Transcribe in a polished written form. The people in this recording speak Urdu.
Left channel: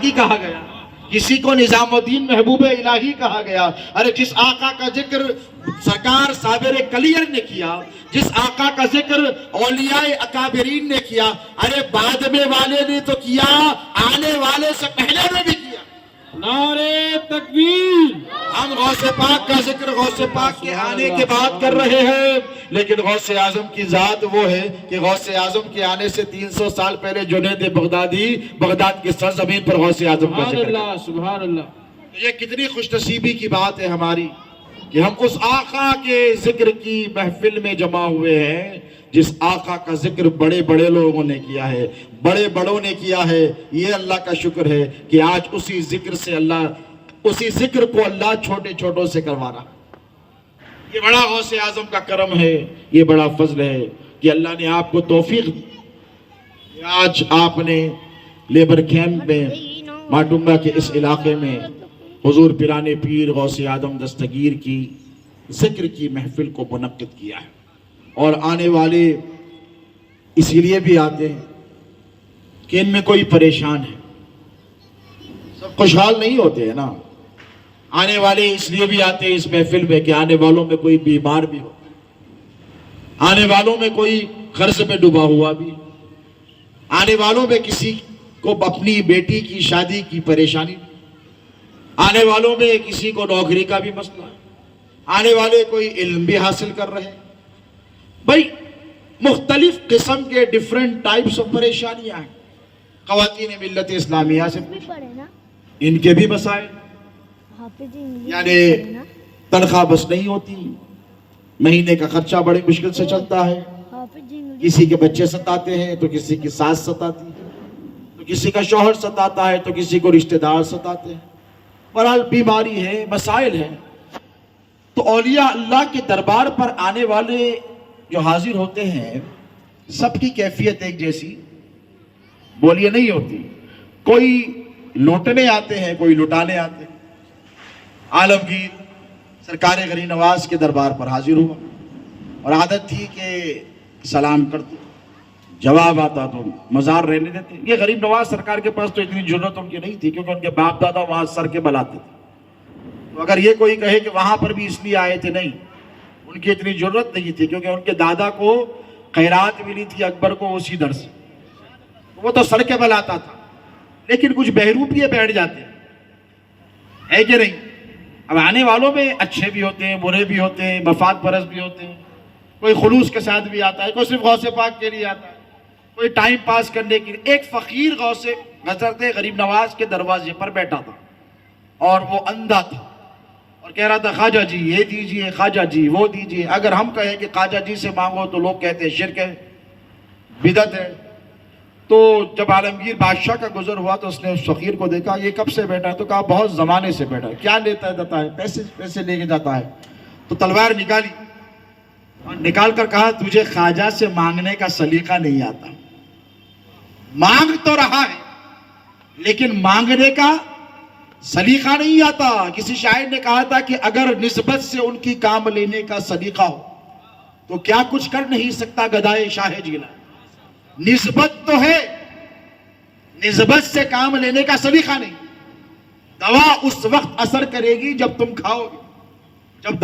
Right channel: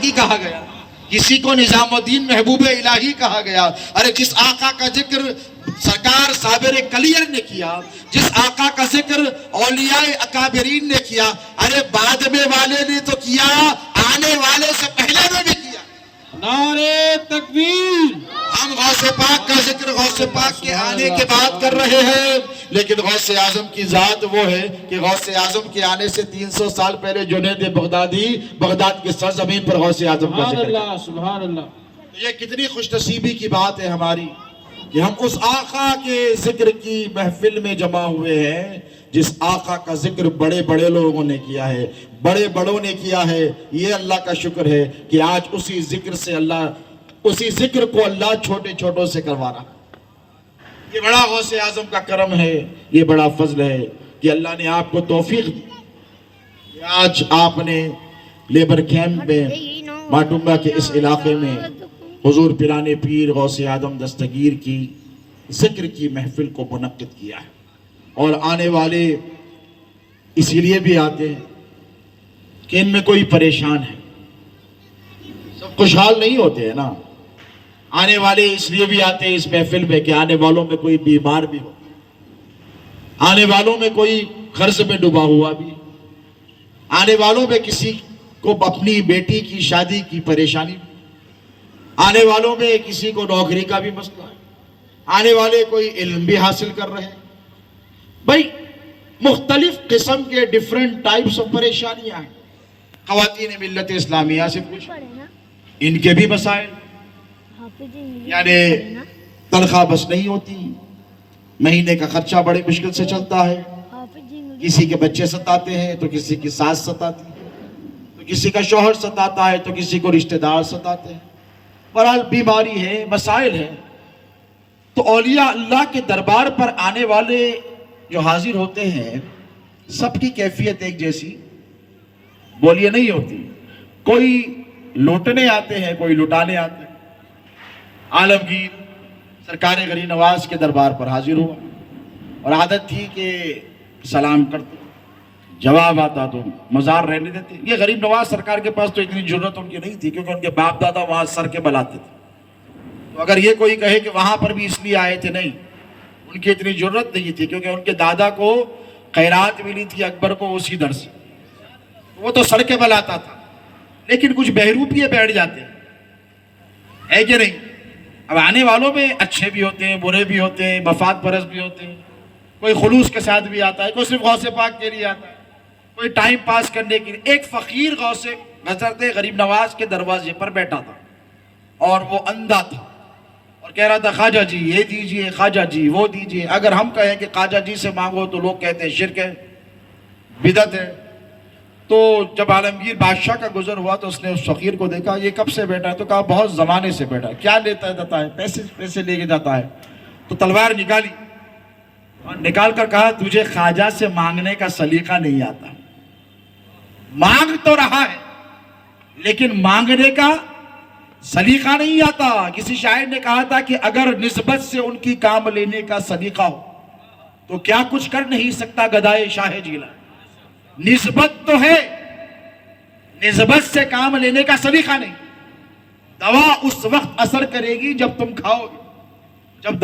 کی کہا گیا، کسی کو نظام الدین محبوب الہی کہا گیا۔ ارے جس آقا کا ذکر سرکار صابر کلیر نے کیا، جس آقا کا ذکر اولیاء اکابرین نے کیا، ارے بعد میں والے نے تو کیا، آنے والے سے پہلے نے بھی کیا۔ نعرہ تکبیر! ہم غوث پاک کا ذکر غوث پاک کے آنے کے بعد کر رہے ہیں، لیکن غوث اعظم کی ذات وہ ہے کہ غوث اعظم کے آنے سے 300 سال پہلے جنید بغدادی بغداد کی سرزمین پر غوث اعظم کا ذکر سبحان اللہ، سبحان اللہ۔ یہ کتنی خوش نصیبی کی بات ہے ہماری کہ ہم اس آقا کے ذکر کی محفل میں جمع ہوئے ہیں جس آقا کا ذکر بڑے بڑے لوگوں نے کیا ہے، بڑے بڑوں نے کیا ہے۔ یہ اللہ کا شکر ہے کہ آج اسی ذکر کو اللہ چھوٹے چھوٹوں سے کروا رہا۔ یہ بڑا غوث اعظم کا کرم ہے، یہ بڑا فضل ہے کہ اللہ نے آپ کو توفیق دی کہ آج آپ نے لیبر کیمپ میں ماٹنگا کے اس علاقے میں حضور پیران پیر غوث اعظم دستگیر کی ذکر کی محفل کو منعقد کیا ہے، اور آنے والے اسی لیے بھی آتے ہیں کہ ان میں کوئی پریشان ہے، سب خوشحال نہیں ہوتے ہیں نا۔ آنے والے اس لیے بھی آتے ہیں اس محفل میں کہ آنے والوں میں کوئی بیمار بھی ہو، آنے والوں میں کوئی قرض میں ڈوبا ہوا بھی، آنے والوں میں کسی کو اپنی بیٹی کی شادی کی پریشانی، آنے والوں میں کسی کو نوکری کا بھی مسئلہ ہے، آنے والے کوئی علم بھی حاصل کر رہے ہیں۔ بھائی مختلف قسم کے ڈیفرنٹ ٹائپس آف پریشانیاں ہیں۔ خواتین ملت اسلامیہ سے پوچھو، ان کے بھی مسائل، یعنی تنخواہ بس نہیں ہوتی، مہینے کا خرچہ بڑی مشکل سے چلتا ہے، کسی کے بچے ستاتے ہیں تو کسی کی ساس ستاتی ہے، تو کسی کا شوہر ستاتا ہے تو کسی کو رشتہ دار ستاتے ہیں۔ بہرحال بیماری ہے، مسائل ہیں۔ تو اولیاء اللہ کے دربار پر آنے والے جو حاضر ہوتے ہیں سب کی کیفیت ایک جیسی بولیے نہیں ہوتی، کوئی لوٹنے آتے ہیں، کوئی لٹانے آتے ہیں۔ عالمگیر سرکار غریب نواز کے دربار پر حاضر ہوا اور عادت تھی کہ سلام کرتے، جواب آتا تو مزار رہنے دیتے۔ یہ غریب نواز سرکار کے پاس تو اتنی ضرورت ان کی نہیں تھی کیونکہ ان کے باپ دادا وہاں سر کے بل آتے تھے، تو اگر یہ کوئی کہے کہ وہاں پر بھی اس لیے آئے تھے، نہیں، ان کی اتنی ضرورت نہیں تھی کیونکہ ان کے دادا کو خیرات ملی تھی اکبر کو اسی در سے، وہ تو سر کے بل آتا تھا۔ لیکن کچھ بہروپیے بیٹھ جاتے ہیں، ہے کہ نہیں؟ اب آنے والوں میں اچھے بھی ہوتے ہیں، برے بھی ہوتے ہیں، مفاد پرست بھی ہوتے ہیں، کوئی خلوص کے ساتھ بھی آتا ہے، کوئی صرف غوث پاک کے لیے آتا ہے، کوئی ٹائم پاس کرنے کے لیے۔ ایک فقیر غوث حضرت غریب نواز کے دروازے پر بیٹھا تھا اور وہ اندھا تھا اور کہہ رہا تھا خواجہ جی یہ دیجئے، خواجہ جی وہ دیجئے۔ اگر ہم کہیں کہ خواجہ جی سے مانگو تو لوگ کہتے ہیں شرک ہے، بدعت ہے۔ تو جب عالمگیر بادشاہ کا گزر ہوا تو اس نے اس فقیر کو دیکھا، یہ کب سے بیٹھا ہے؟ تو کہا بہت زمانے سے بیٹھا ہے۔ کیا لیتا جاتا ہے؟ پیسے لے کے جاتا ہے۔ تو تلوار نکالی اور نکال کر کہا تجھے خواجہ سے مانگنے کا سلیقہ نہیں آتا، مانگ تو رہا ہے لیکن مانگنے کا سلیقہ نہیں آتا۔ کسی شاعر نے کہا تھا کہ اگر نسبت سے ان کی کام لینے کا سلیقہ ہو تو کیا کچھ کر نہیں سکتا گدائے شاہ جیلان۔ نسبت تو ہے، نسبت سے کام لینے کا سلیقہ نہیں۔ دوا اس وقت اثر کرے گی جب تم کھاؤ گے۔